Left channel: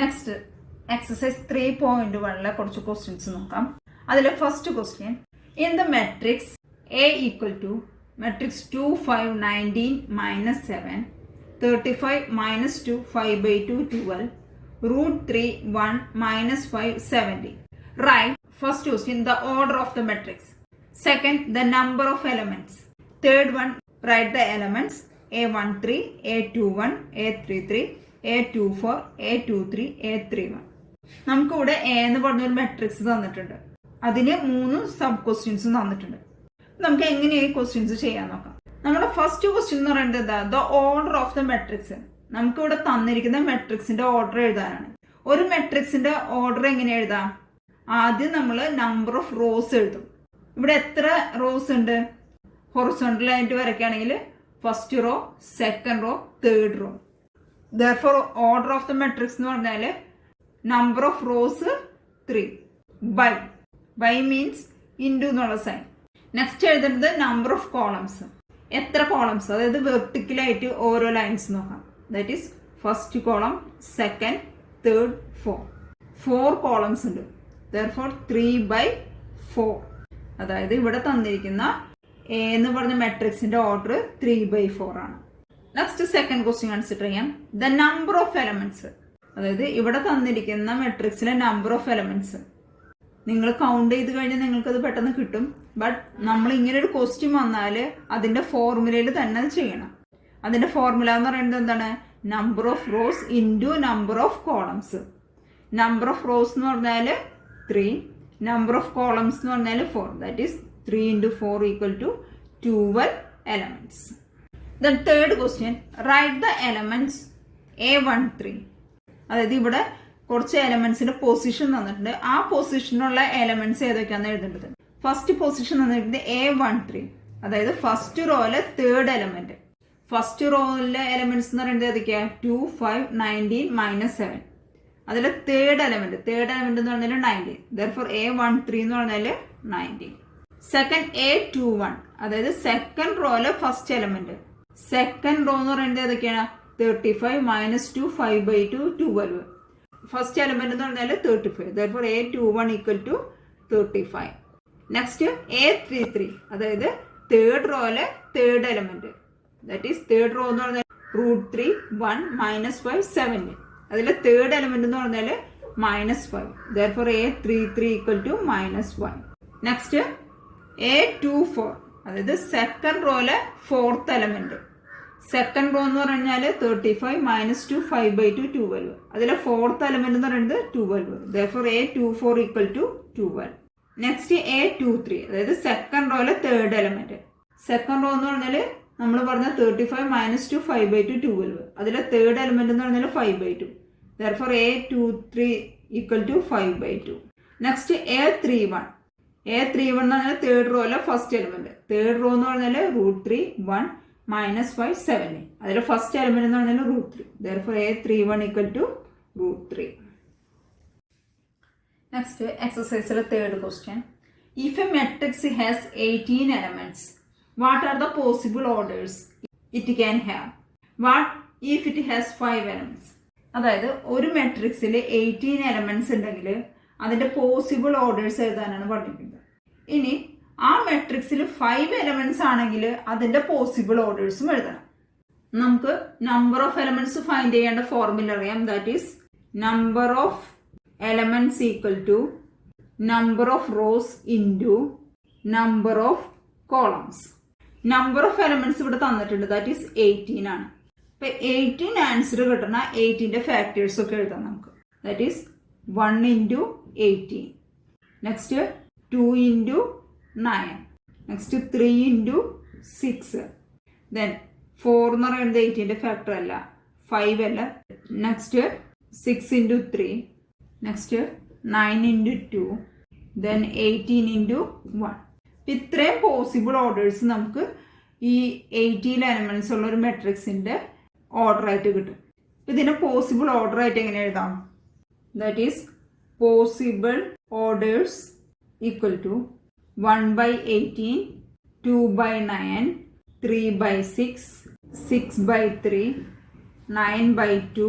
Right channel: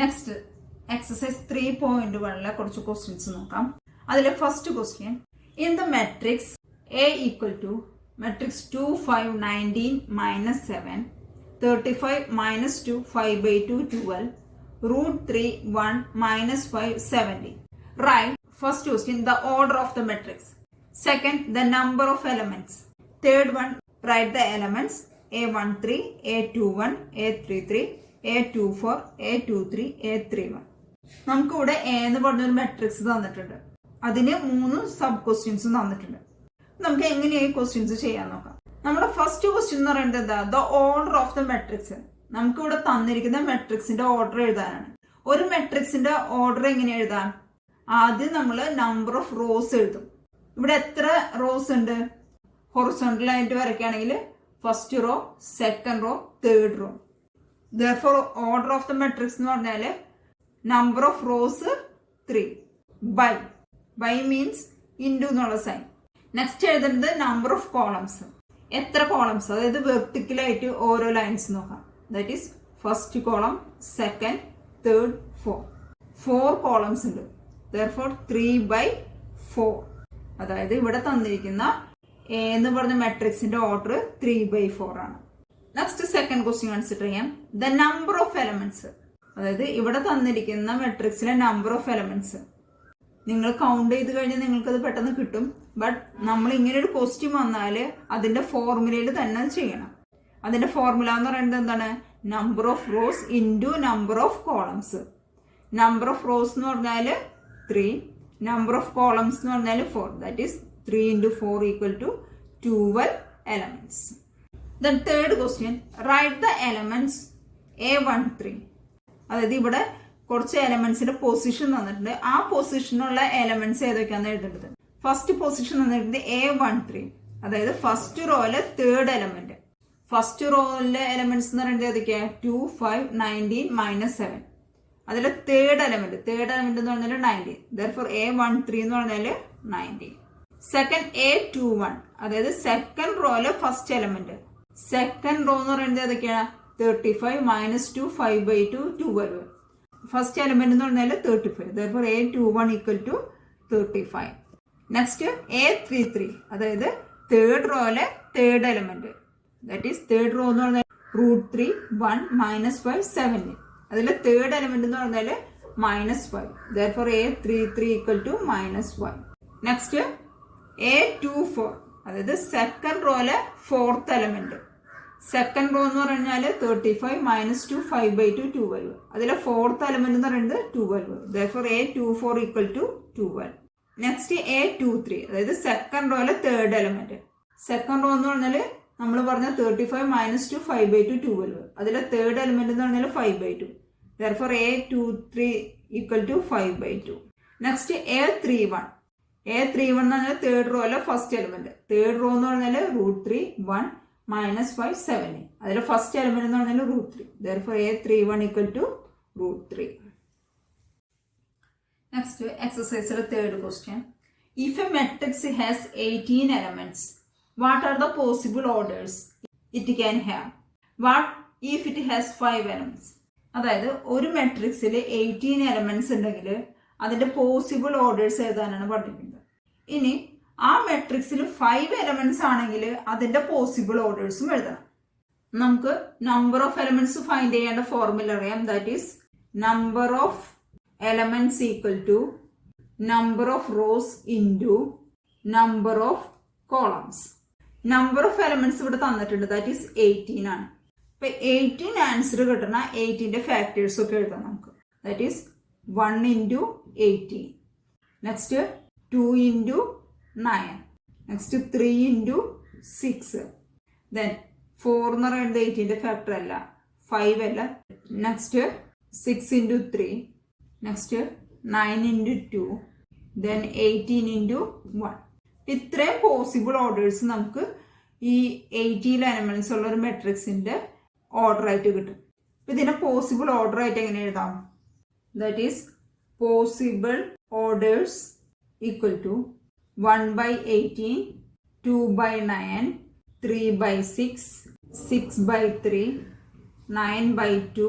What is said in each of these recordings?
Next exercise 3.1 കുറച്ച് questions നോക്കാം. അതിലെ first question, in the matrix A equal to matrix 2 5 19 minus 7 35 minus 2 5 by 2 12 root 3 1 minus 5 70. Write first question the order of the matrix. Second, the number of elements. Third one, write the elements A13, A21, A33, A24, A23, A31. നമുക്ക് ഇവിടെ A എന്ന് പറഞ്ഞൊരു matrix തന്നിട്ടുണ്ട്. അതിന് 3 sub ക്വസ്റ്റ്യൻസും തന്നിട്ടുണ്ട്. നമുക്ക് എങ്ങനെയാണ് ഈ ക്വസ്റ്റ്യൻസ് ചെയ്യാൻ നോക്കാം. നമ്മുടെ ഫസ്റ്റ് ക്വസ്റ്റ്യൻ എന്ന് പറയുന്നത് എന്താ? The order of the matrix. നമുക്ക് ഇവിടെ തന്നിരിക്കുന്ന മെട്രിക്സിന്റെ ഓർഡർ എഴുതാനാണ്. ഒരു മെട്രിക്സിന്റെ ഓർഡർ എങ്ങനെ എഴുതാം? ആദ്യം നമ്മൾ നമ്പർ ഓഫ് റോസ് എഴുതും. ഇവിടെ എത്ര റോസ് ഉണ്ട്? ഹൊറിസോണ്ടൽ ആയിട്ട് വരയ്ക്കുകയാണെങ്കിൽ first row, second row, third row. Therefore order of the matrix എന്ന് പറഞ്ഞാൽ number of rows 3 by means into എന്നുള്ള സൈൻ. നെക്സ്റ്റ് എഴുതുന്നത് നമ്പർ ഓഫ് കോളംസ്. എത്ര കോളംസ്, അതായത് വെർട്ടിക്കലായിട്ട് ഓരോ ലൈൻസ് നോക്കാം. That is first column, second, third, four columns ഉണ്ട്. ദർഫോർ 3/4. അതായത് ഇവിടെ തന്നിരിക്കുന്ന എ എന്ന് പറഞ്ഞ മെട്രിക്സിന്റെ ഓർഡർ 3/4 ആണ്. നെക്സ്റ്റ് സെക്കൻഡ് ക്വസ്റ്റ്യൻ കൺസിഡർ ചെയ്യാം. The number of elements. അതായത് ഇവിടെ തന്നിരിക്കുന്ന മെട്രിക്സിലെ നമ്പർ ഓഫ് എലമെന്റ്സ് നിങ്ങൾ കൗണ്ട് ചെയ്ത് കഴിഞ്ഞാൽ നിങ്ങൾക്ക് അത് പെട്ടെന്ന് കിട്ടും. ബട്ട് നമ്മൾ ഇങ്ങനെ ഒരു ക്വസ്റ്റ്യൻ വന്നാൽ അതിന്റെ ഫോർമുലയിൽ തന്നെ ചെയ്യണം. അതിന്റെ ഫോർമുല എന്ന് പറയുന്നത് എന്താണ്? Number of rose into number of columns. Number of rose എന്ന് പറഞ്ഞാൽ 3, നമ്പർ ഓഫ് കോളംസ് എന്ന് പറഞ്ഞാൽ 4. That is 3 × 4 = 12 elements. Then third question, write the elements A13. അതായത് ഇവിടെ കുറച്ച് എലമെന്റ്സിന്റെ പൊസിഷൻ തന്നിട്ടുണ്ട്. ആ പൊസിഷനുള്ള എലമെന്റ്സ് ഏതൊക്കെയാണെന്ന് എഴുതേണ്ടത്. ഫസ്റ്റ് പൊസിഷൻ തന്നിട്ടുണ്ട് A13, അതായത് ഫസ്റ്റ് റോയിലെ തേർഡ് എലമെന്റ്. ഫസ്റ്റ് റോയിലെ എലമെന്റ്സ് എന്ന് പറയുന്നത് ഏതൊക്കെയാ? 2 5 19 -7. അതിലെ തേർഡ് എലമെന്റ് എന്ന് പറഞ്ഞാൽ 19. Therefore A13 എന്ന് പറഞ്ഞാൽ 19. സെക്കൻഡ് A21, അതായത് സെക്കൻഡ് റോയിലെ ഫസ്റ്റ് എലമെന്റ്. സെക്കൻഡ് റോ എന്ന് പറയുന്നത് ഏതൊക്കെയാണ്? 35 - 2 5/2 12. ഫസ്റ്റ് എലമെന്റ് എന്ന് പറഞ്ഞാൽ 35. Therefore A21 = 35. നെക്സ്റ്റ് A33, അതായത് തേർഡ് റോയിലെ third element. That is third row എന്ന് പറഞ്ഞാൽ √3 1 -5 7. അതിലെ തേർഡ് എലമെന്റ് എന്ന് പറഞ്ഞാൽ -5. Therefore A33 = -1. നെക്സ്റ്റ് A24, അതായത് സെക്കൻഡ് റോയിലെ ഫോർത്ത് എലമെന്റ്. സെക്കൻഡ് റോ എന്ന് പറഞ്ഞാൽ 35 - 2 5/2 12. അതിലെ ഫോർത്ത് എലമെന്റ് എന്ന് പറയുന്നത് 12. Therefore A24 = 12. നെക്സ്റ്റ് A23, അതായത് സെക്കൻഡ് റോയിലെ തേർഡ് എലമെന്റ്. സെക്കൻഡ് റോ എന്ന് പറഞ്ഞാൽ നമ്മൾ പറഞ്ഞ 35 - 2 5/2 12. അതിലെ തേർഡ് എലമെന്റ് എന്ന് പറഞ്ഞാൽ 5/2. Therefore A23 = 5/2. നെക്സ്റ്റ് A31 എന്ന് പറഞ്ഞാൽ തേർഡ് റോയിലെ ഫസ്റ്റ് എലമെന്റ്. തേർഡ് റോ എന്ന് പറഞ്ഞാൽ √3 1 -5 7. അതിലെ ഫസ്റ്റ് എലമെന്റ് എന്ന് പറഞ്ഞാൽ √3. Therefore A31 = √3. നെക്സ്റ്റ് എക്സസൈസിലെ third question, if a matrix has 18 elements, what are the possible orders it can have? What if it has 5 elements? അതായത് ഒരു മെട്രിക്സിൽ 18 elements ഉണ്ടെങ്കിൽ അതിന്റെ പോസിബിൾ ഓർഡേഴ്സ് എഴുതാനാണ് പറഞ്ഞിരിക്കുന്നത്. ഇനി ആ മെട്രിക്സിൽ 5 elements ആണെങ്കിൽ അതിന്റെ പോസിബിൾ ഓർഡേഴ്സും എഴുതണം. നമുക്ക് നമ്പർ ഓഫ് എലമെന്റ്സ് ഫൈൻഡ് ചെയ്യേണ്ട ഫോർമുല അറിയാം. That is number of elements = number of rose into number of columns. Number of elements ഇവിടെ തന്നിട്ടുണ്ട്. ദാറ്റ് ഈസ് 18 ആണ്. ഇപ്പൊ 18 ആൻസർ കിട്ടണ 18ന്റെ ഫാക്ടേഴ്സ് ഒക്കെ എഴുതാം നമുക്ക്. That is 1 × 18. Next 2 × 9. Next 3 × 6. Then 4 എന്ന് പറയുന്നത് 18ന്റെ ഫാക്ടർ അല്ല, 5 അല്ല. നെക്സ്റ്റ് 6 × 3. നെക്സ്റ്റ് 9 × 2. ദെൻ 18 × 1. ഇത്രയും പോസിബിൾ ഓർഡേഴ്സ് നമുക്ക് ഈ 18 എലമെന്റ്സ് ഉള്ള ഒരു മെട്രിക്സിന്റെ ഓർഡർ ആയിട്ട് കിട്ടും. ഇതിനെ പോസിബിൾ ഓർഡർ ആയിട്ട് എങ്ങനെ എഴുതാം? That is possible orders = 1/18, 2/9, 3/6, 6/3, 9/2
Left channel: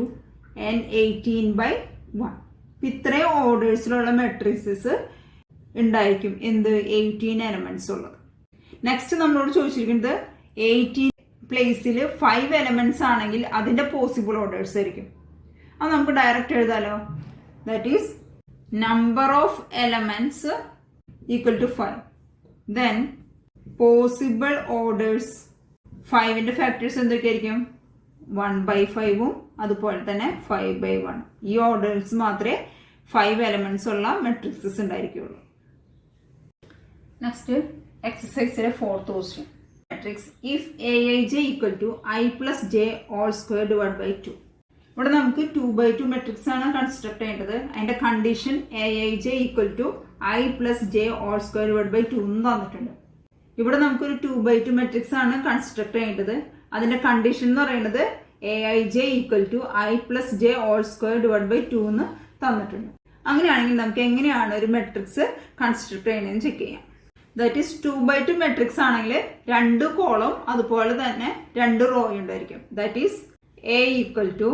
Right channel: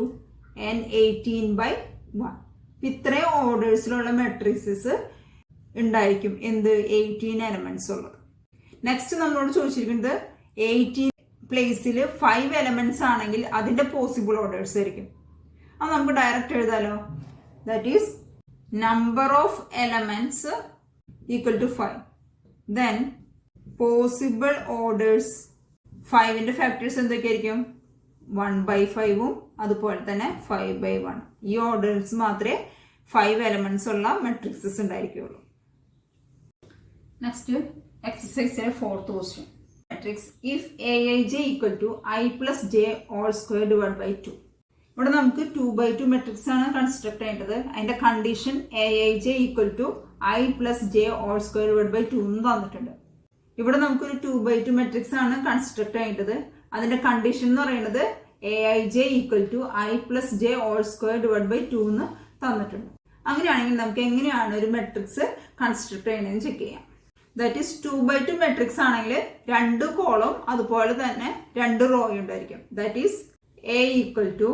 and 18/2. 1. ഇത്രയും ഓർഡേഴ്സിലുള്ള മെട്രിക്സസ് ഉണ്ടായിരിക്കും എന്ത് 18 എലമെന്റ്സ് ഉള്ളത്. നെക്സ്റ്റ് നമ്മളോട് ചോദിച്ചിരിക്കുന്നത് 18 പ്ലേസിൽ 5 എലമെന്റ്സ് ആണെങ്കിൽ അതിന്റെ പോസിബിൾ ഓർഡേഴ്സ് ആയിരിക്കും. അത് നമുക്ക് ഡയറക്റ്റ് എഴുതാലോ. That is number of elements equal to 5. Then possible orders 5ന്റെ ഫാക്ടേഴ്സ് എന്തൊക്കെയായിരിക്കും? 1/5 അതുപോലെ തന്നെ 5/1. ഈ ഓർഡേഴ്സ് മാത്രമേ 5 എലമെന്റ്സ് ഉള്ള മെട്രിക്സസ് ഉണ്ടായിരിക്കുള്ളൂ. നെക്സ്റ്റ് എക്സസൈസിലെ 4th question. Matrix if aij equal to i plus j all square divide by 2. ഇവിടെ നമുക്ക് 2/2 മെട്രിക്സ് ആണ് കൺസ്ട്രക്ട് ചെയ്യേണ്ടത്. അതിന്റെ condition aij equal to i plus j all square divide by 2 എന്ന് തന്നിട്ടുണ്ട്. ഇവിടെ നമുക്കൊരു 2/2 മെട്രിക്സ് ആണ് കൺസ്ട്രക്ട് ചെയ്യേണ്ടത്. അതിന്റെ കണ്ടീഷൻ എന്ന് പറയുന്നത് aij equal to i plus j all square divide by 2 എന്ന് തന്നിട്ടുണ്ട്. അങ്ങനെയാണെങ്കിൽ നമുക്ക് എങ്ങനെയാണ് ഒരു മെട്രിക്സ് കൺസ്ട്രക്ട് ചെയ്യുന്നതെന്ന് ചെക്ക് ചെയ്യാം. ദാറ്റ് ഈസ് 2/2 മെട്രിക്സ് ആണെങ്കിൽ 2 കോളം അതുപോലെ തന്നെ 2 റോ ഉണ്ടായിരിക്കും. That is a equal to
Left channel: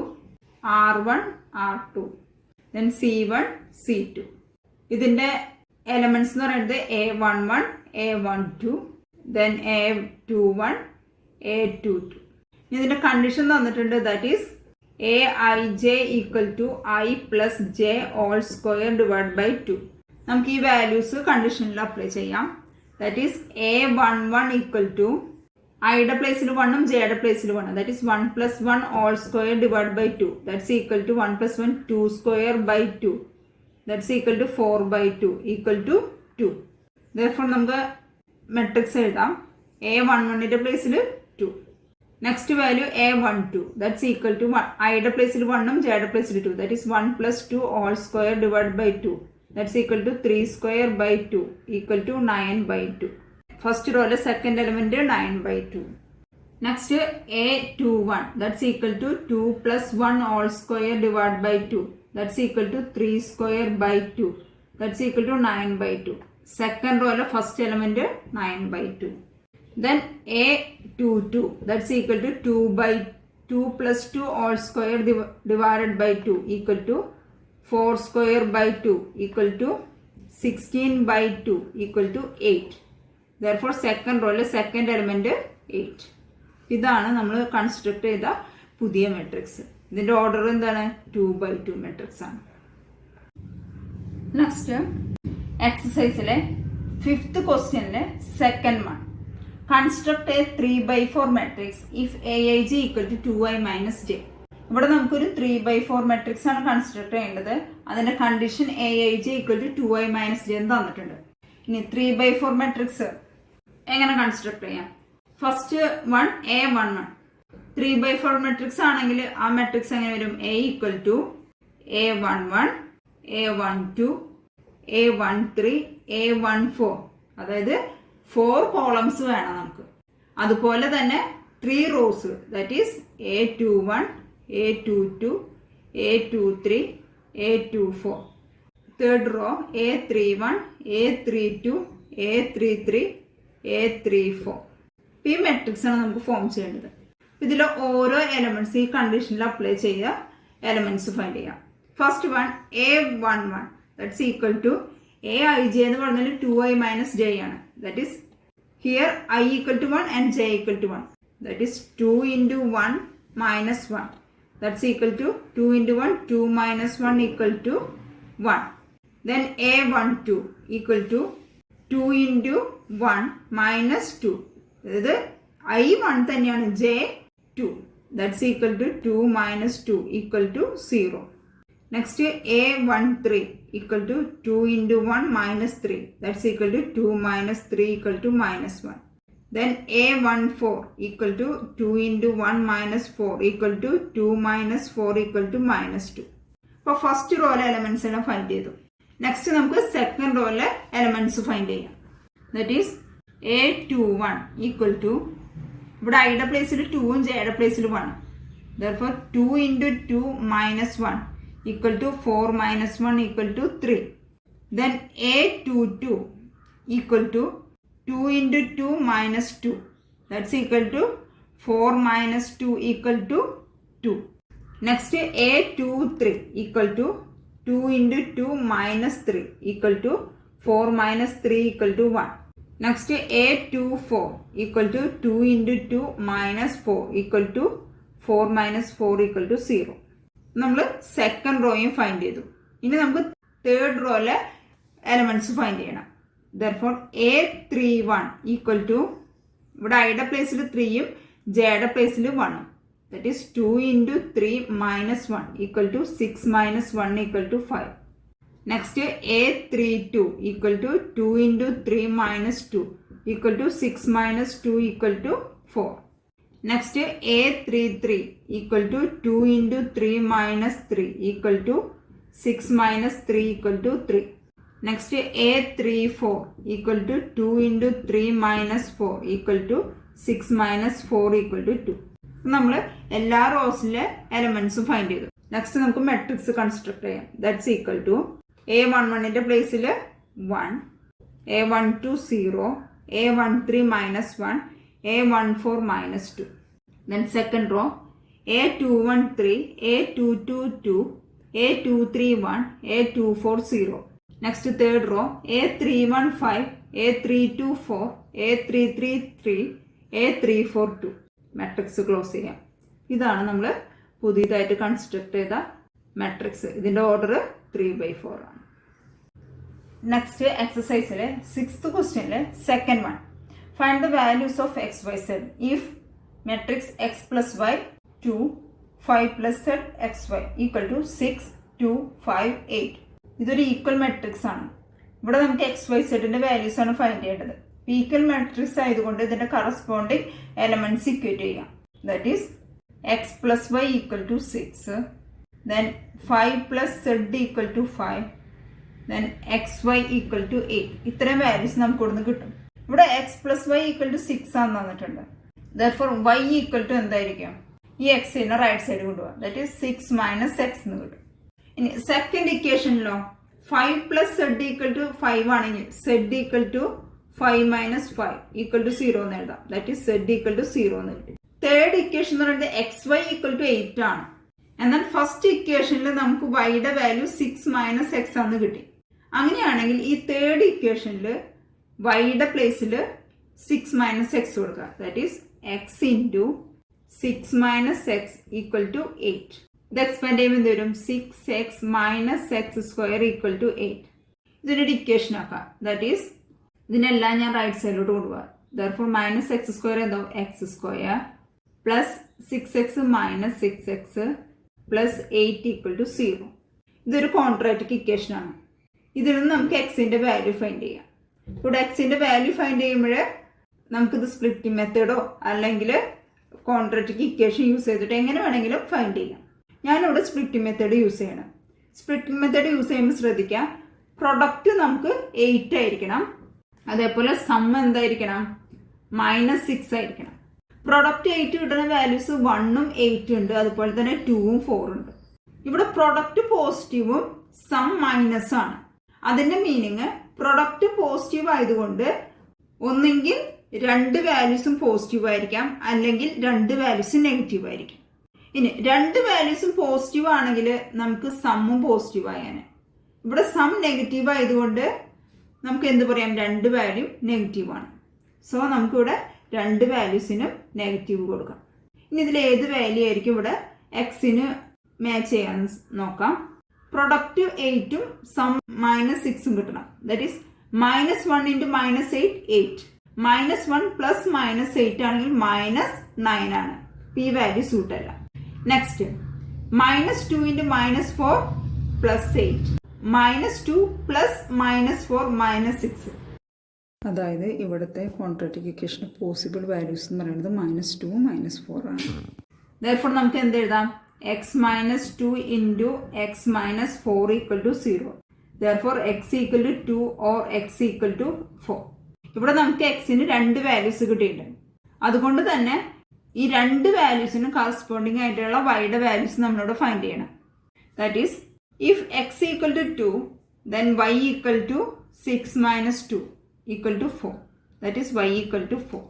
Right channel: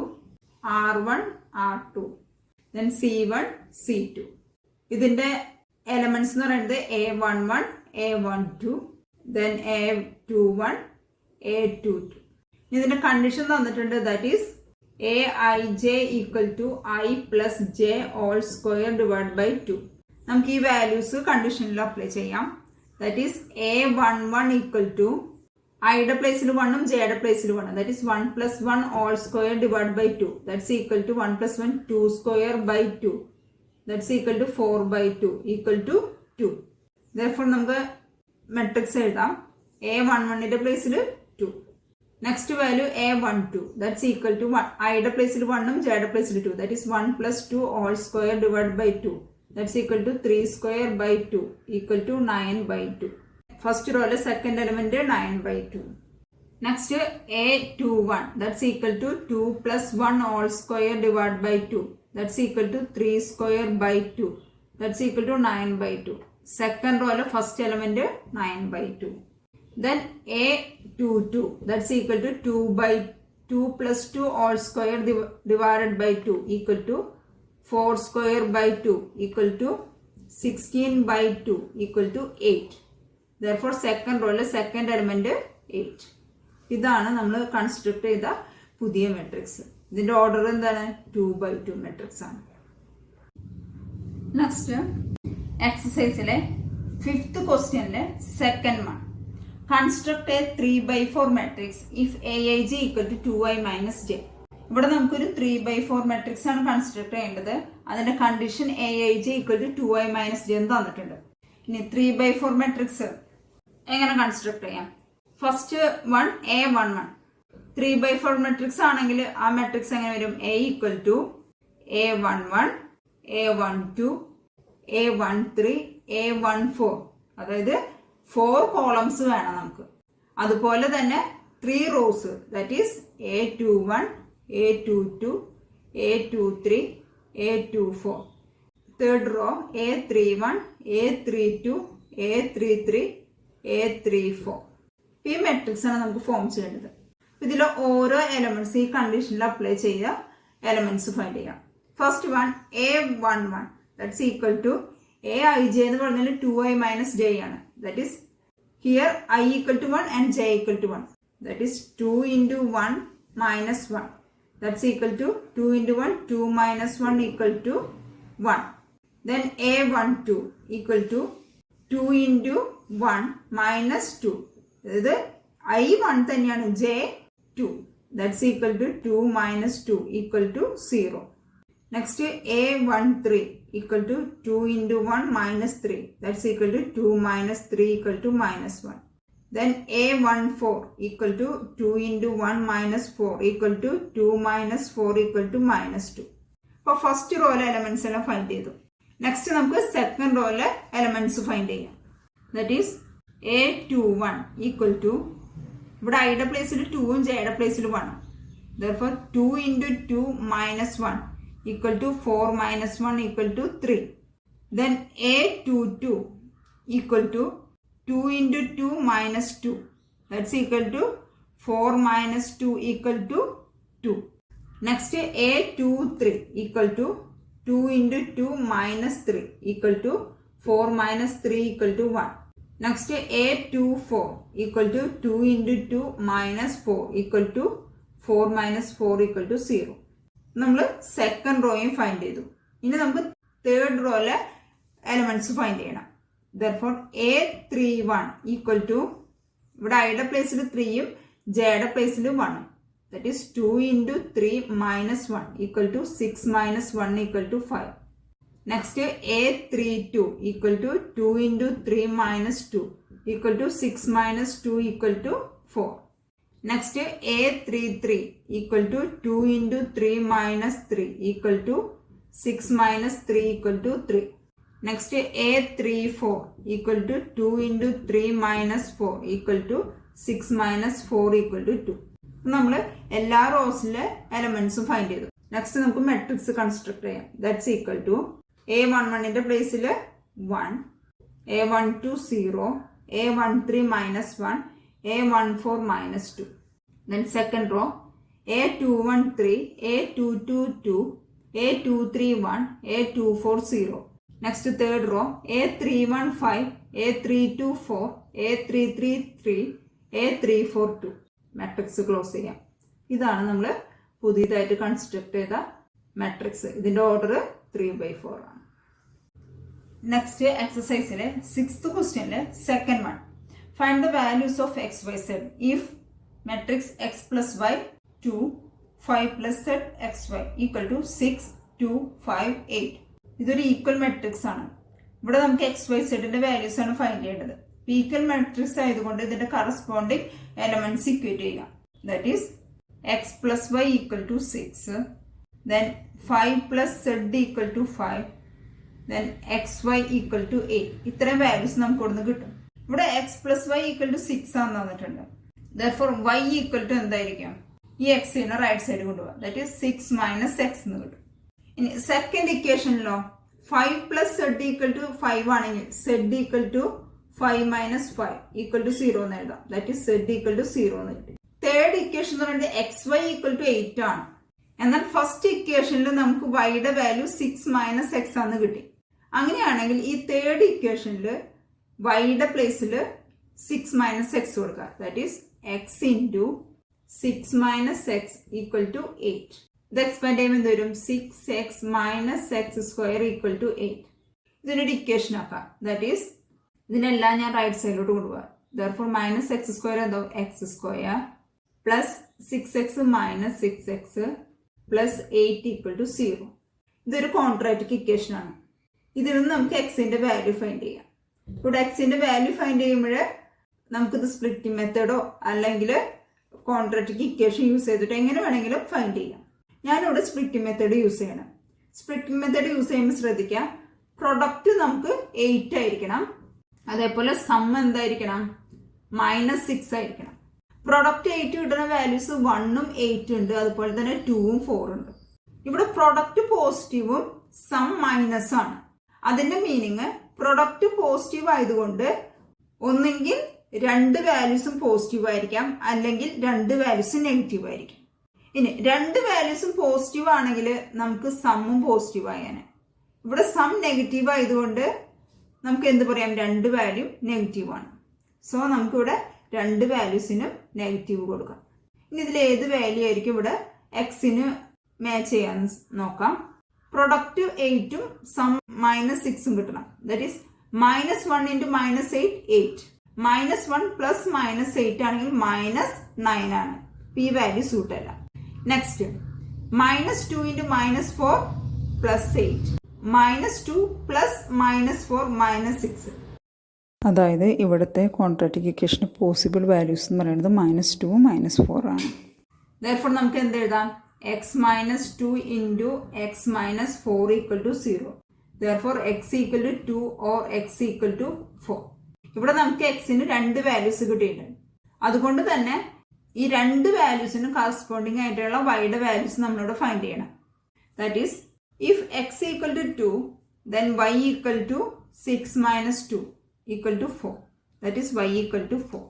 r1 r2 then c1 c2. ഇതിന്റെ എലമെന്റ്സ് എന്ന് പറയുന്നത് a11 a12 then a21 a22. ഇതിന്റെ കണ്ടീഷൻ തന്നിട്ടുണ്ട്. That is aij equal to i plus j all square divide by 2. നമുക്ക് ഈ വാല്യൂസ് കണ്ടീഷനിൽ apply ചെയ്യാം. That is a11 equal to ഐയുടെ പ്ലേസിൽ 1ഉം ജെയുടെ പ്ലേസിൽ 1. That is 1 plus 1 all square divide by 2. That's equal to 1 plus 1 2 square by 2. That's equal to 4/2 equal to 2. therefore നമുക്ക് മെട്രിക്സ് എഴുതാം. a11ന്റെ പ്ലേസിൽ 2. Next value a12. That's equal to ഐയുടെ പ്ലേസിൽ 1ഉം ജെയുടെ പ്ലേസിൽ 2. That is 1 plus 2 whole square divide by 2. That's equal to 3 square by 2 equal to 9/2. First റോയിലെ second element 9/2. Next a21. That's equal to 2 plus 1 all square divide by 2. That's equal to 3 square by 2. That's equal to 9/2. Second റോയിലെ first element 9/2. Then a22. That's equal to 2 plus 2 all square divided by 2 equal to 4 square by 2 equal to 16/2 equal to 8. Therefore second row second element 8. ഇതാണ് നമ്മൾ construct ചെയ്ത പുതിയ matrix. ഇതിന്റെ order എന്താണ്? 2/2 matrix ആണ്. Next എക്സസൈസിലെ 5th ക്വസ്റ്റ്യനിലെ second one. Construct a 3/4 matrix if aij equal to 2i minus j. ഇവിടെ നമുക്കൊരു 3/4 മെട്രിക്സ് ആണ് കൺസ്ട്രക്ട് ചെയ്യേണ്ടത്. അതിന്റെ condition aij equal to 2i minus j എന്ന് തന്നിട്ടുണ്ട്. ഇനി 3/4 മെട്രിക്സ് എങ്ങനെ കൺസ്ട്രക്ട് ചെയ്യാം? First one a11. 3/4 മെട്രിക്സ് ആണെങ്കിൽ ആ മെട്രിക്സ് എങ്ങനെ വരും? a equal to a11 a12 a13 a14. അതായത് 4 കോളംസ് വേണം നമുക്ക്. അതുപോലെ തന്നെ 3 rose. That is a21 a22 a23 a24. Third row a31 a32 a33 a34. ഈ മെട്രിക്സ് ആണ് നമുക്ക് ഫോം ചെയ്യേണ്ടത്. ഇതിലെ ഓരോ എലമെന്റ്സ് ഈ കണ്ടീഷനിൽ അപ്ലൈ ചെയ്യുക, എലമെന്റ്സ് ഫൈൻഡ് ചെയ്യാം. First one a11. That's equal to aij എന്ന് പറഞ്ഞാൽ 2i minus j ആണ്. That is here I equal to 1 and j equal to 1. That is 2 into 1 minus 1. That's equal to 2 into 1, 2 minus 1 equal to 1. Then a12 equal to 2 into 1 minus 2. ഇത് I1 തന്നെയാണ്, j 2. That's equal to 2 minus 2 equal to 0. Next a13 equal to 2 into 1 minus 3. That's equal to 2 minus 3 equal to minus 1. Then a14 equal to 2 into 1 minus 4 equal to 2 minus 4 equal to minus 2. അപ്പോൾ first റോയിലെ elements എല്ലാം find ചെയ്തു. Next നമുക്ക് second റോയിലെ elements find ചെയ്യാം. That is a21 equal to ഇവിടെ ഐയുടെ പ്ലേസിൽ 2ഉം ജെയുടെ പ്ലേസിൽ 1. Therefore 2 into 2 minus 1 equal to 4 minus 1 equal to 3. Then a22 equal to 2 into 2 minus 2. That's equal to 4 minus 2 equal to 2. Next a23 equal to 2 into 2 minus 3 equal to 4 minus 3 equal to 1. Next A24 equal to 2 into 2 minus 4 equal to 4 minus 4 equal to 0. നമ്മൾ second റോയും find ചെയ്തു. ഇനി നമുക്ക് third റോയിലെ elements find ചെയ്യണം. Therefore A31 equal to ഇവിടെ ഐയുടെ പ്ലേസിൽ 3യും ജെയുടെ പ്ലേസിൽ 1ഉം. That is 2 into 3 minus 1 equal to 6 minus 1 equal to 5. Next A32 equal to 2 into 3 minus 2 equal to 6 minus 2 equal to 4. Next A33 equal to 2 into 3 minus 3 equal to 6 minus 3 equal to 3. Next A34 equal to 2 into 3 minus 4 equal to 6 minus 4 equal to 2. നമ്മൾ എല്ലാ റോസിലെ എലമെന്റ്സും find ചെയ്തു. Next നമുക്ക് matrix construct ചെയ്യാം. That's equal to A11ന്റെ പ്ലേസിൽ 1, A12 0, A13 minus 1, A14 minus 2. Then second row A21 3, A22 2, A231, A24 0. Next third row A31 5, A32 4, A33 3, A34 2. Matrix close ചെയ്യാം. ഇതാണ് നമ്മൾ പുതിയതായിട്ട് കൺസ്ട്രക്ട് ചെയ്ത മാട്രിക്സ്. ഇതിന്റെ ഓർഡർ 3/4 ആണ്. നെക്സ്റ്റ് എക്സസൈസിലെ 6th ക്വസ്റ്റ്യനിലെ second one. Find the values of x y z if matrix x plus y 2 5 plus z x y equal to 6 2 5 8. ഇതൊരു ഈക്വൽ മാട്രിക്സ് ആണ്. ഇവിടെ നമുക്ക് എക്സ് വൈ സെഡിന്റെ വാല്യൂസ് ആണ് ഫൈൻഡ് ചെയ്യേണ്ടത്. ഈക്വൽ മാട്രിക്സ് ആയതുകൊണ്ട് ഇതിന്റെ കറസ്പോണ്ടിങ് എലമെന്റ്സ് ഇക്വേറ്റ് ചെയ്യാം. That is x plus y equal to 6, then 5 plus z equal to 5, then x y equal to 8. ഇത്രയും വാല്യൂസ് നമുക്ക് ഇവിടുന്ന് കിട്ടും. ഇവിടെ x plus y equal to 6 ആണെന്ന് തന്നിട്ടുണ്ട്. ദർഫോർ വൈ ഈക്വൽ ടു എന്തായിരിക്കും? ഈ എക്സിനെ റൈറ്റ് സൈഡ് കൊണ്ടുപോകാം. ദാറ്റ് ഈസ് 6 മൈനസ് എക്സ് എന്ന് കിട്ടും. ഇനി സെക്കൻഡ് ഇക്വേഷനിലോ 5 പ്ലസ് സെഡ് ഈക്വൽ ടു 5 ആണെങ്കിൽ z equal to 5 minus 5 equal to 0 എന്ന് എഴുതാം. That is z equal to 0 എന്ന് കിട്ടും. തേർഡ് ഇക്വേഷൻ എന്ന് പറയുന്നത് എക്സ് വൈ ഈക്വൽ ടു 8 ആണ്. എന്നാൽ ഫസ്റ്റ് ഇക്വേഷനിൽ നമുക്ക് വൈയുടെ വാല്യൂ 6 മൈനസ് എക്സ് ആണെന്ന് കിട്ടി. അങ്ങനെയാണെങ്കിൽ ഈ തേർഡ് ഇക്വേഷനിൽ വൈയുടെ പ്ലേസിൽ 6 മൈനസ് എക്സ് കൊടുക്കുക. That is x into 6 minus x equal to 8. ഇത് എക്സ്പാൻഡ് ചെയ്യുമ്പോൾ എന്ത് വരും? 6x minus x square equal to 8. ഇതിനൊരു ഇക്വേഷൻ ആക്കാം. ദാറ്റ് ഈസ് ഇതിനെല്ലാം ഞാൻ റൈറ്റ് സൈഡിലോട്ട് കൊണ്ടുപോകാം. ദർഫോർ മൈനസ് എക്സ് സ്ക്വയർ എന്താവും? X square plus 6x minus 6x plus 8 equal to 0. ഇതൊരു ക്വാഡ്രാറ്റിക് ഇക്വേഷൻ ആണ്. ഇതിൽ നിന്ന് നമുക്ക് എക്സിന്റെ വാല്യൂ ഫൈൻഡ് ചെയ്യാം. ഇവിടെ എക്സിന്റെ വാല്യൂ ഫൈൻഡ് ചെയ്യുമ്പോൾ നമുക്കിത് സ്പ്ലിറ്റിംഗ് മെത്തേഡോ അല്ലെങ്കിൽ ക്വാഡ്രാറ്റിക് ഇക്വേഷൻ യൂസ് ചെയ്തിട്ട് എങ്ങനെ വേണമെങ്കിലും ഫൈൻഡ് ചെയ്യാം. ഞാനിവിടെ സ്പ്ലിറ്റിംഗ് മെത്തേഡ് യൂസ് ചെയ്യണം. സ്പ്ലിറ്റിംഗ് മെത്തേഡ് യൂസ് ചെയ്യുമ്പോൾ ശ്രദ്ധിക്കാം, പ്രൊഡക്റ്റ് നമുക്ക് 8 ആയിരിക്കണം. അതേപോലെ സം എന്തായിരിക്കണം? -6 ആയിരിക്കണം. പ്രൊഡക്റ്റ് 8 കിട്ടുന്ന വാല്യൂസ് 1ഉം 8 ഉണ്ട്, അതുപോലെ തന്നെ 2ഉം 4 ഉണ്ട്. ഇവിടെ പ്രൊഡക്റ്റ് പോസിറ്റീവും സം മൈനസ് ആണ്. അതിന്റെ മീനിങ് പ്രൊഡക്റ്റ് പോസിറ്റീവ് ആയതുകൊണ്ട് ഒന്നെങ്കിൽ 2 വാല്യൂസും പോസിറ്റീവ് ആയിരിക്കാം, അല്ലെങ്കിൽ 2 വാല്യൂസും നെഗറ്റീവ് ആയിരിക്കും. ഇനി 2 വാല്യൂസും പോസിറ്റീവ് ആണെങ്കിൽ നമുക്ക് സമ്മും പോസിറ്റീവ് ആയാണ്. ഇവിടെ സം നെഗറ്റീവ് ആയതുകൊണ്ട് നമുക്ക് എന്ത് പറയാം? 2 വാല്യൂ നെഗറ്റീവ് ആണ്. സോ നമുക്കിവിടെ 2 വാല്യൂസിനും നെഗറ്റീവ് കൊടുക്കാം. ഇനി ഇതിൽ ഏത് വാല്യൂ ആയിരിക്കും ഇവിടെ എക്സിന് മാച്ച് ചെയ്യാൻ നോക്കാം. പ്രൊഡക്റ്റ് 8ഉം സം -6ഉം കിട്ടണം. That is -1 into -8 8. -1 പ്ലസ് -8 ആണെങ്കിൽ -9 ആണ്. ഈ വാല്യൂ സൂട്ട് അല്ല. Next -2 into -4 plus 8. -2 പ്ലസ് -4 -6. അതായത് ഇവിടുത്തെ ക്വാഡ്രാറ്റിക് ഇക്വേഷന് പോസിബിൾ വാല്യൂസ് എന്ന് പറയുന്നത് -2 -4 ആണ്. Therefore നമുക്ക് എന്ത് എഴുതാം? x -2 into x -4 equal to 0. Therefore x equal to 2 or x equal to 4. ഇവിടെ നമുക്ക് എക്സിന് 2 വാല്യൂസ് കിട്ടിയിട്ടുണ്ട്. അതുകൊണ്ട് തന്നെ ഈ 2 വാല്യൂസിന് കറസ്പോണ്ടിങ് ആയിട്ടുള്ള വൈയുടെ വാല്യൂസ് നമ്മളോട് ഫൈൻഡ് ചെയ്യണം. That is if x equal to 2 then y equal to 6 minus 2 equal to 4. That is y equal to 4.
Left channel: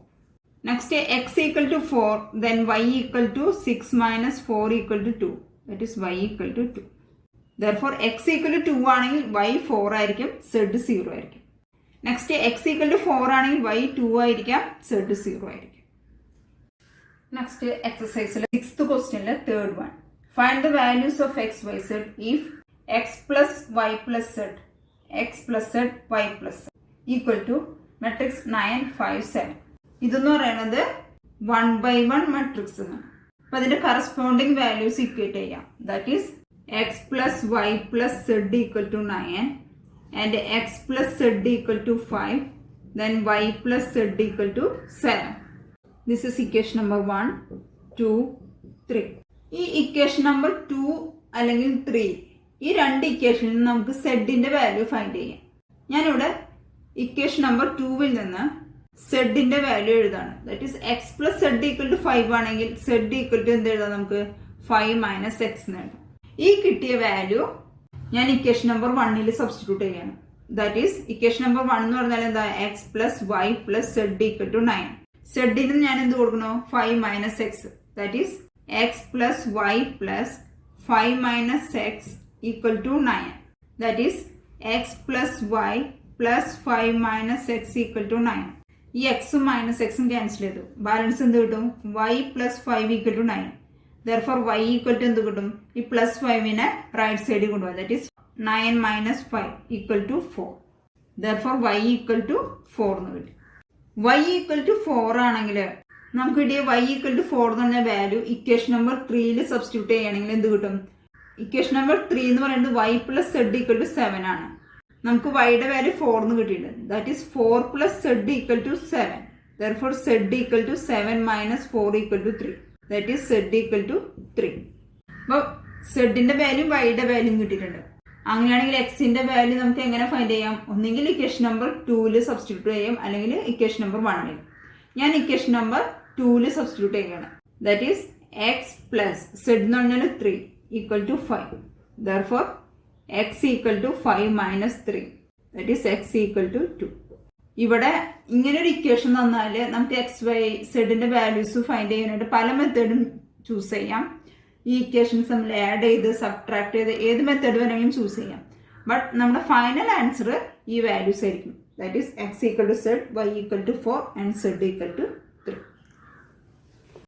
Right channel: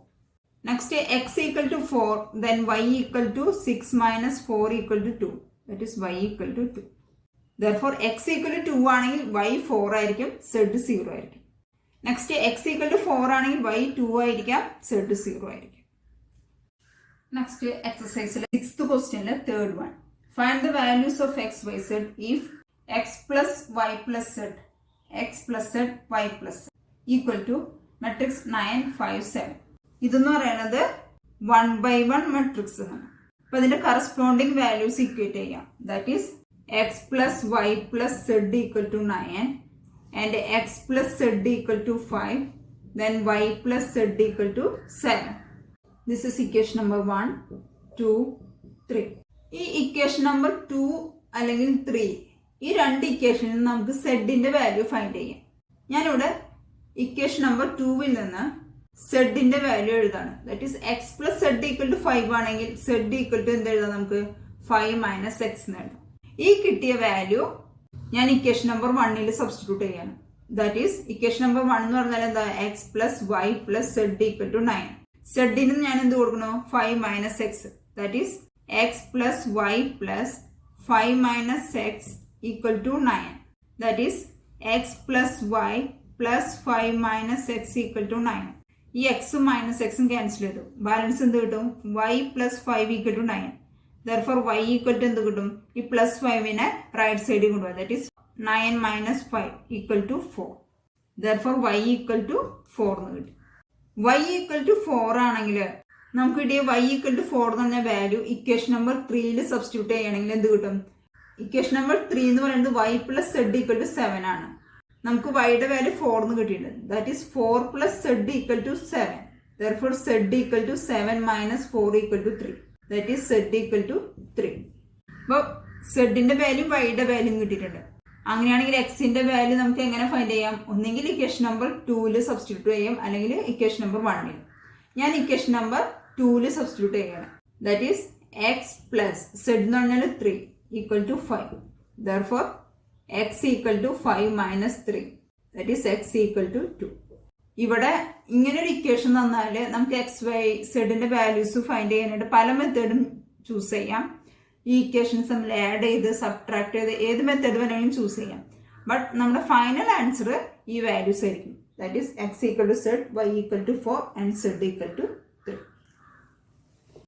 Next x equal to 4 then y equal to 6 minus 4 equal to 2. That is y equal to 2. Therefore x equal to 2 ആണെങ്കിൽ Y 4 ആയിരിക്കും, Z 0 ആയിരിക്കും. Next X equal to 4 ആണെങ്കിൽ Y 2 ആയിരിക്കാം, z 0 ആയിരിക്കും. Next എക്സസൈസിലെ 6th ക്വസ്റ്റ്യനിലെ third one. Find the values of x y z if x plus y plus z x plus z y plus equal to matrix 9 5 7. ഇതെന്ന് പറയുന്നത് 1/1 matrix ആണ്. അപ്പൊ അതിന്റെ കറസ്പോണ്ടിങ് വാല്യൂസ് ഇക്വേറ്റ് ചെയ്യാം. That is x plus y plus z equal to 9 and x plus z equal to 5 then y plus z equal to 7. This is equation number 1, 2, 3. ഈ equation number 2 അല്ലെങ്കിൽ 3 ഈ രണ്ട് ഇക്വേഷനിൽ നമുക്ക് സെഡിന്റെ വാല്യൂ ഫൈൻഡ് ചെയ്യാം. ഞാനിവിടെ equation number 2 നിന്ന് സെഡിന്റെ വാല്യൂ എഴുതാണ്. That is x plus z equal to 5 ആണെങ്കിൽ സെഡ് ഈക്വൽ ടു എന്ത് എഴുതാം, നമുക്ക് 5 മൈനസ് എക്സ് എന്ന് എഴുതാം. ഈ കിട്ടിയ വാല്യൂ ഞാൻ ഇക്വേഷൻ നമ്പർ 1 സബ്സ്റ്റിറ്റ്യൂട്ട് ചെയ്യാണ്. ദാറ്റ് ഈസ് ഇക്വേഷൻ നമ്പർ 1 എന്ന് പറഞ്ഞാൽ എന്താ, x plus y plus z equal to 9. സെഡിന് ഞാൻ എന്ത് കൊടുക്കണോ, 5 minus x. That is x plus y plus 5 minus x equal to 9. That is x plus y plus 5 minus x equal to 9. ഈ എക്സും minus എക്സും ക്യാൻസൽ ചെയ്തു. Balance എന്ത് കിട്ടും, y plus 5 equal to 9. Therefore y equal to എന്ത് കിട്ടും, ഈ plus 5നെ റൈറ്റ് സൈഡിൽ കൊണ്ടുപോകാം. That is 9 minus 5 equal to 4. Therefore y equal to 4 എന്ന് കിട്ടും. വൈ ഈക്വൽ ടു 4 ആണെങ്കിൽ നമുക്ക് കിട്ടിയ വൈ ഈക്വൽ ടു 4 എന്ന് പറഞ്ഞ വാല്യൂ ഇക്വേഷൻ നമ്പർ 3 സബ്സ്റ്റിറ്റ്യൂട്ട് ചെയ്യുകയാണെങ്കിൽ എന്ത് കിട്ടും, ഇക്വേഷൻ നമ്പർ 3 എന്ന് പറയുന്നത് y plus z equal to 7 ആണ്. നമുക്ക് വൈയുടെ വാല്യൂ 4 എന്ന് കിട്ടിയിട്ടുണ്ട്. That is 4 plus z equal to 7. Therefore z equal to 7 minus 4 equal to 3. That is z equal to 3. അപ്പോൾ സെഡിന്റെ വാല്യൂ വൈയുടെ വാല്യൂ കിട്ടിയിട്ടുണ്ട്. അങ്ങനെയാണെങ്കിൽ എക്സിന്റെ വാല്യൂ നമുക്ക് എങ്ങനെ ഫൈൻഡ് ചെയ്യാം, ഒന്നെങ്കിൽ ഇക്വേഷൻ നമ്പർ 2 സബ്സ്റ്റിറ്റ്യൂട്ട് ചെയ്യാം, അല്ലെങ്കിൽ ഇക്വേഷൻ നമ്പർ 1. ഞാൻ ഇക്വേഷൻ നമ്പർ 2 സബ്സ്റ്റിറ്റ്യൂട്ട് ചെയ്യുകയാണ്. That is x plus z എന്ന് പറഞ്ഞാൽ 3 equal to 5. Therefore x equal to 5 minus 3. That is x equal to 2. ഇവിടെ ഇങ്ങനെ ഒരു ഇക്വേഷൻ തന്നാൽ നമുക്ക് എക്സ് വൈ സെഡിന്റെ വാല്യൂസ് ഫൈൻഡ് ചെയ്യാനായിട്ട് പല മെത്തേഡും ചൂസ് ചെയ്യാം. ഈ ഇക്വേഷൻസ് നമ്മൾ ആഡ് ചെയ്ത് സബ്ട്രാക്ട് ചെയ്ത് ഏത് മെത്തേഡ് വേണമെങ്കിലും ചൂസ് ചെയ്യാം. ബട്ട് നമ്മുടെ ഫൈനൽ ആൻസർ ഈ വാല്യൂസ് ആയിരിക്കും. That is x equal to z, y equal to 4 and z equal to